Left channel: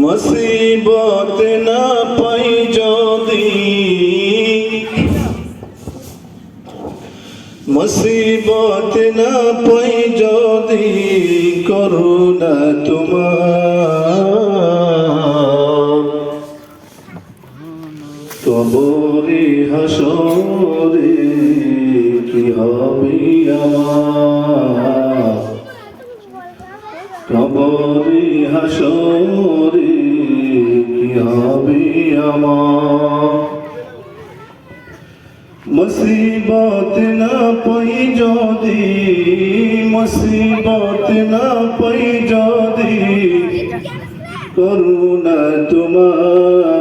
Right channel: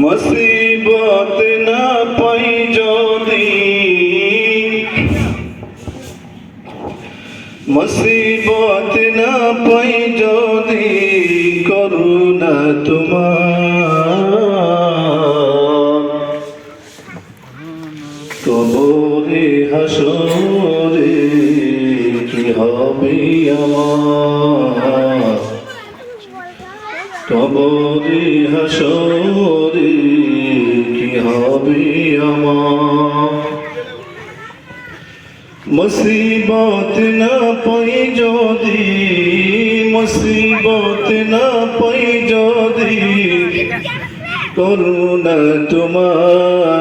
মুসিবত না পাই যদি, মুসিবত না পাই যদি, করুণা তোমার কবরে হাসরে কি হবে আমার, কবরে হাসরে কি হবে আমার। মুসিবত না পাই যদি, মুসিবত না পাই যদি, করুণা তোমার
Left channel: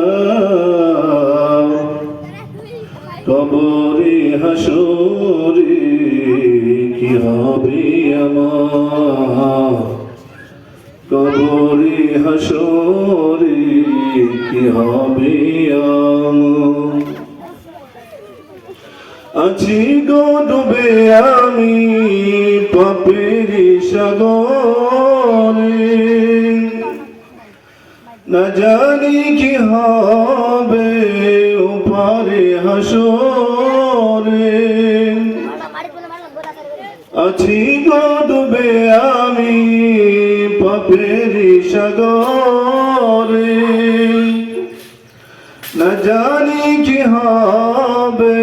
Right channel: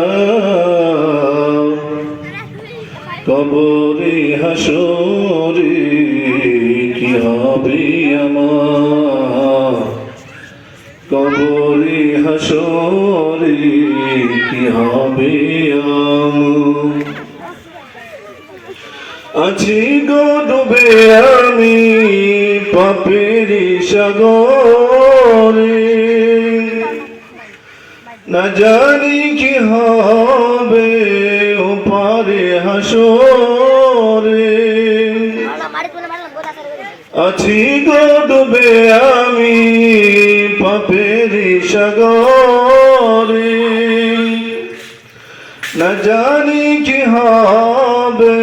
কবরে হাসরে কি হবে আমার, কবরে হাসরে কি হবে আমার। আছি গো ডুবে আমি পাপের সাগরে, না জানি কি হবে ওপারে হাসরে। আছি গো ডুবে আমি পাপের সাগরে, না জানি কি হবে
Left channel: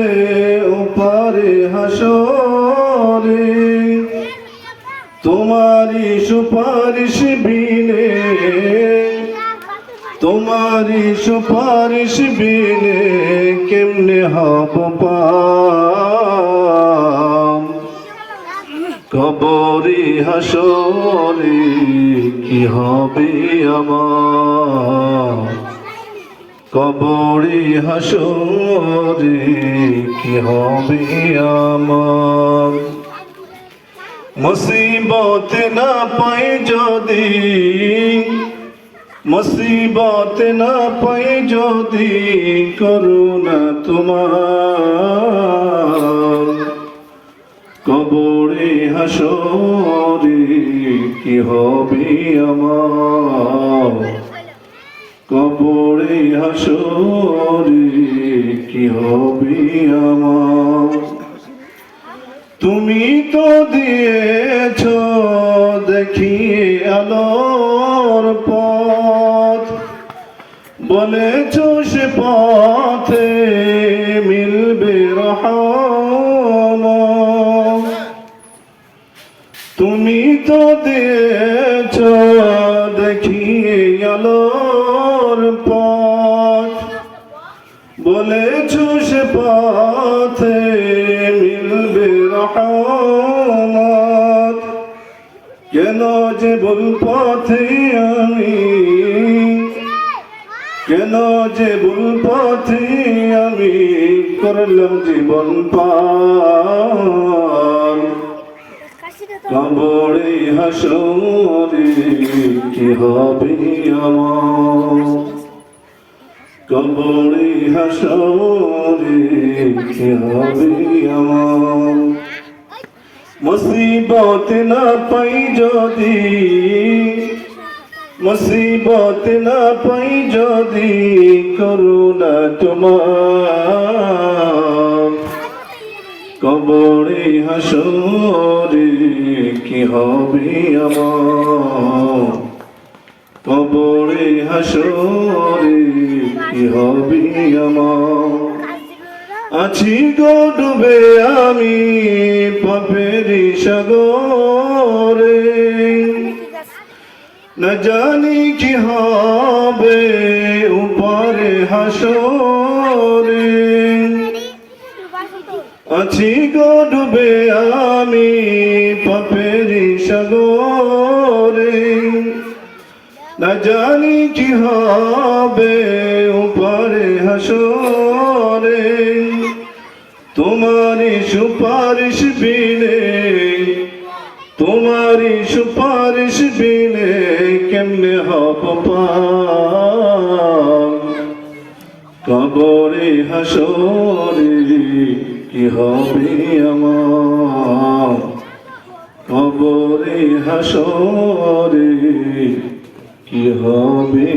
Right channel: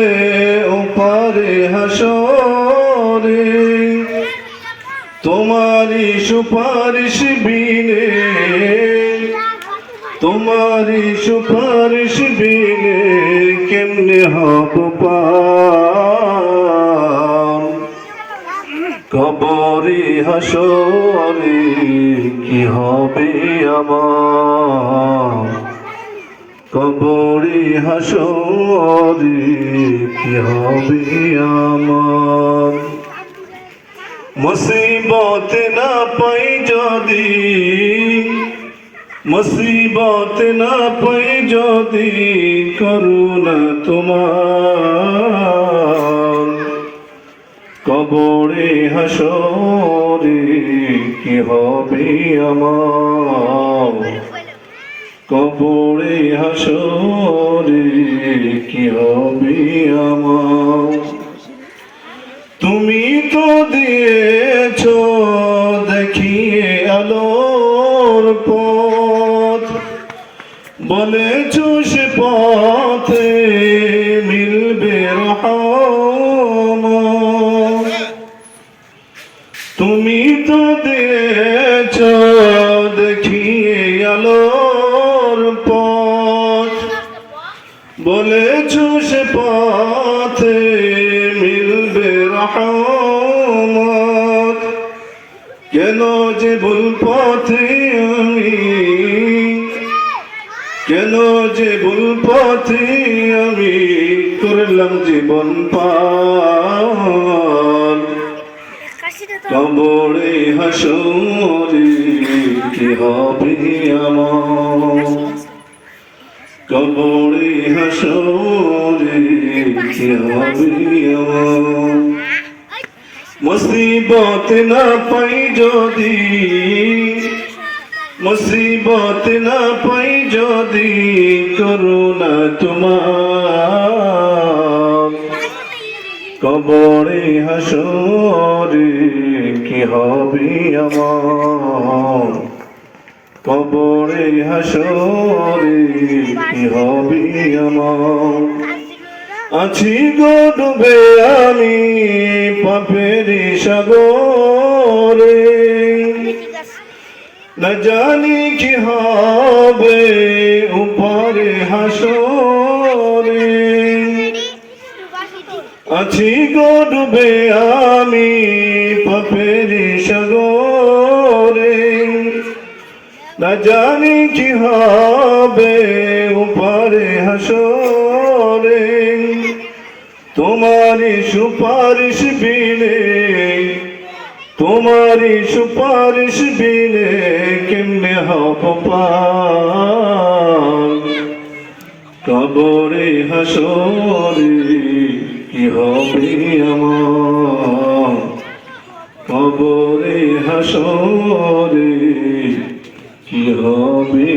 ওপারে হাসরে। তোমারি সুপারিশ বিনে, তোমারি সুপারিশ বিনে কেমনে হব পার, কবরে হাসরে কি হবে আমার, কবরে হাসরে কি হবে আমার। মুসিবত না পাই যদি, মুসিবত না পাই যদি, করুণা তোমার কবরে হাসরে কি হবে আমার, কবরে হাসরে কি হবে আমার। তুমি তো দিয়েছ দেখিয়ে আলোর পথ, বলেছ সে পথে মিলবে রহমত। তুমি তো দিয়েছ দেখিয়ে আলোর পথ, বলেছ সে পথে মিলবে রহমত। কেন যে ভুল পথে আমি, কেন যে ভুল পথে আমি করলাম জীবন পার, কবরে হাসরে কি হবে আমার, কবরে হাসরে কি হবে আমার। মুসিবত না পাই যদি, মুসিবত না পাই যদি, করুণা তোমার কবরে হাসরে কি হবে আমার, কবরে হাসরে কি হবে আমার। আছি গো ডুবে আমি পাপের সাগরে, না জানি কি হবে উপরে হাসরে। আছি গো ডুবে আমি পাপের সাগরে, না জানি কি হবে উপরে হাসরে। তোমারি সুপারিশ বিনে, তোমারি সুপারিশ বিনে কেমনে হব পার, কবরে হাসরে কি হবে আমার, কবরে হাসরে কি হবে